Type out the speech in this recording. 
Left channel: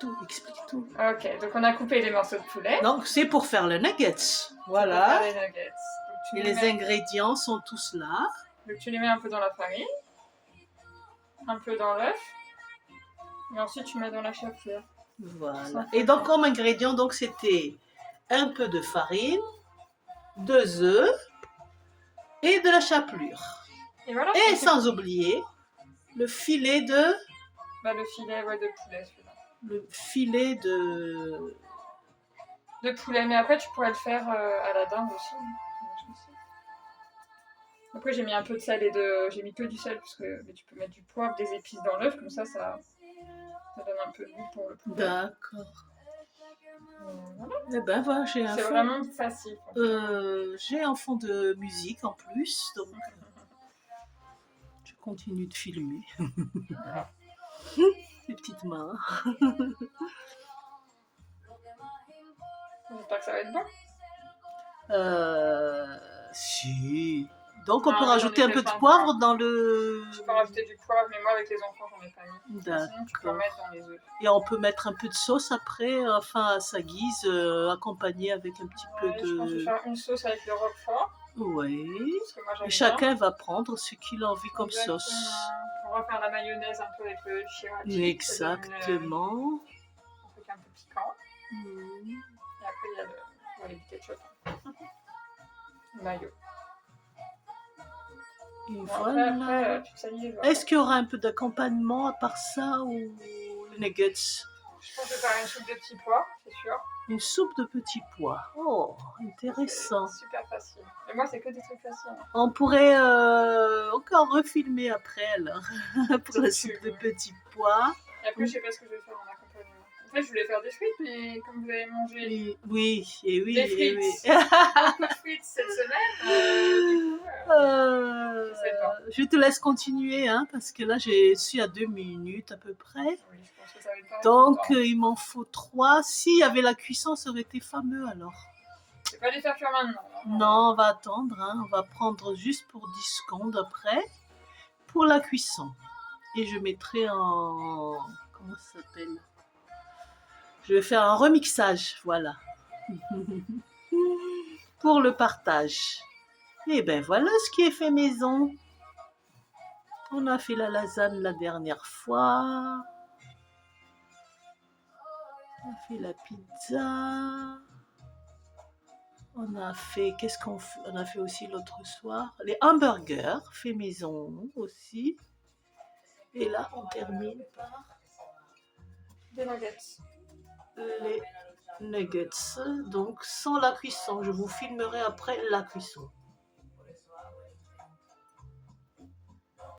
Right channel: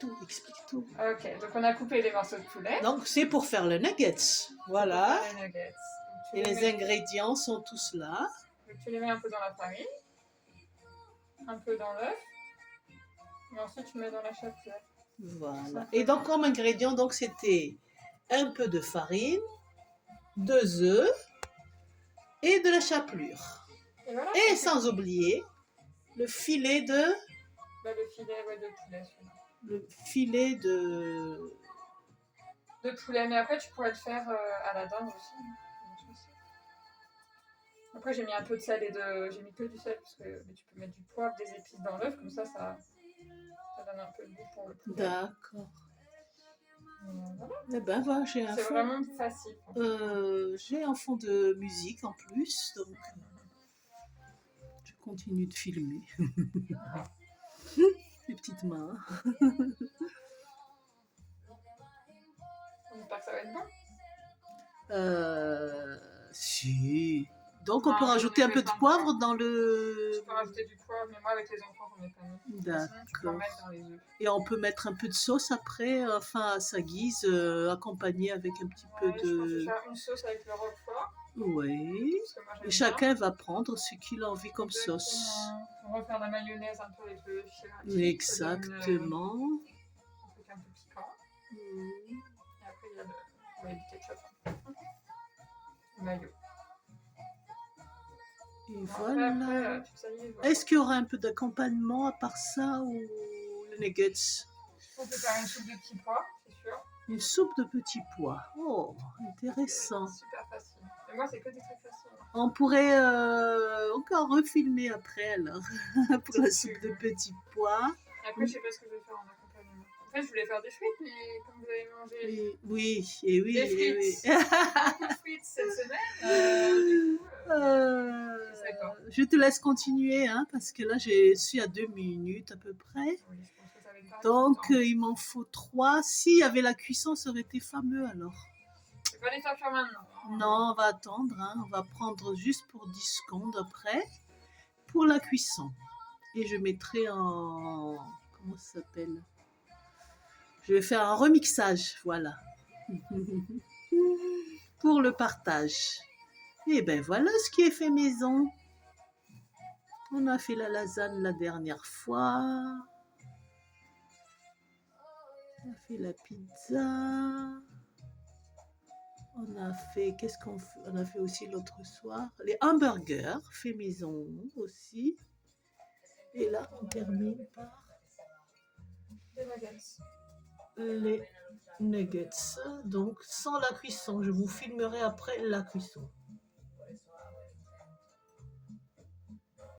tout, explique tout. Ok, donc on a coupé les morceaux de poulet. Donc c'est pour faire le nuggets, On va voilà. faire les nuggets. Donc, Et les ingrédients sont tous là. Donc tu les mets un peu dans la farine, un peu dans l'œuf, et ensuite tu mets dans la chapelure. Voilà. Et donc comme ingrédients, donc c'était un peu de farine, 2 œufs et de la chapelure. Et voilà. Et sans oublier le filet de... Bah, le filet de poulet, celui-là. Le filet De poulet, mais après tu pourrais le faire à la dinde aussi. Après j'ai mis un peu de sel j'ai mis que du sel parce que mais tu peux mettre du poivre, des épices dans l'œuf, comme ça donne un peu de goût pour le poulet. D'accord. Voilà. Eh ben voilà, C'est vraiment facile. J'ai un fond de musique en plus, donc je continue de filmer. Voilà. Les petites mains. J'espère que ça va être bon. Si. Donc on Ah, peut oui, rajouter j'en ai un peu fait de poivre dans le... Tu peux rajouter du poivre, mais moi avec les enfants j'en ai pas mis. Sinon tu peux D'accord. mettre dans les œufs. Et on peut mettre un peu de sauce après, enfin à sa guise, accompagné avec un petit peu Je pense que je vais faire une sauce avec le roquefort. Oui. Parce que moi j'aime Chacun bien. va prendre ce qu'il a envie comme Exactement. sauce. On va faire la mayonnaise un peu avec le sriracha. Exactement. Un truc un peu piquant. Et après il y a le ketchup. Mayo. Et Bon, voilà. après, tu te salives. Est-ce qu'il y aura un peu d'accompagnement à part ça ou le nuggets? Je pense que je vais faire une soupe de petits pois, c'est sûr. Une soupe de petits pois. Oh, intéressant. C'est super facile. Et moi, c'est que des trucs faciles. On pourrait encore refilmer après alors pour la soupe de petits pois. Et après, je sais pas ce que je vais faire en accompagnement. En fait, je voulais faire des frites, mais comme vous avez mangé Oui, des frites, oui. beaucoup de frites cette semaine, je sais pas. Je te laisse continuer hein, parce que là je suis à 2 minutes à peu près. Oui, je pense que ça va être pareil. Donc il m'en faut 3. S'il y avait la cuisson, ça aurait été fameux alors. Je vais pas les faire cuire maintenant. Non, on va attendre. Hein. On va prendre juste pour 10 secondes après pour la cuisson. Et je mettrai en... Comment ça s'appelle? Je vais faire un remixage, voilà. Pour le partage. Et ben voilà ce qui est fait maison. On a fait la lasagne la dernière fois. On a fait la pizza. On a fait, qu'est-ce qu'on fait? On a fait aussi l'autre soir les hamburgers, fait maison aussi. Et là, on termine par Des nuggets. les nuggets. Donc, sans la cuisson. Je vous filmerai après la cuisson.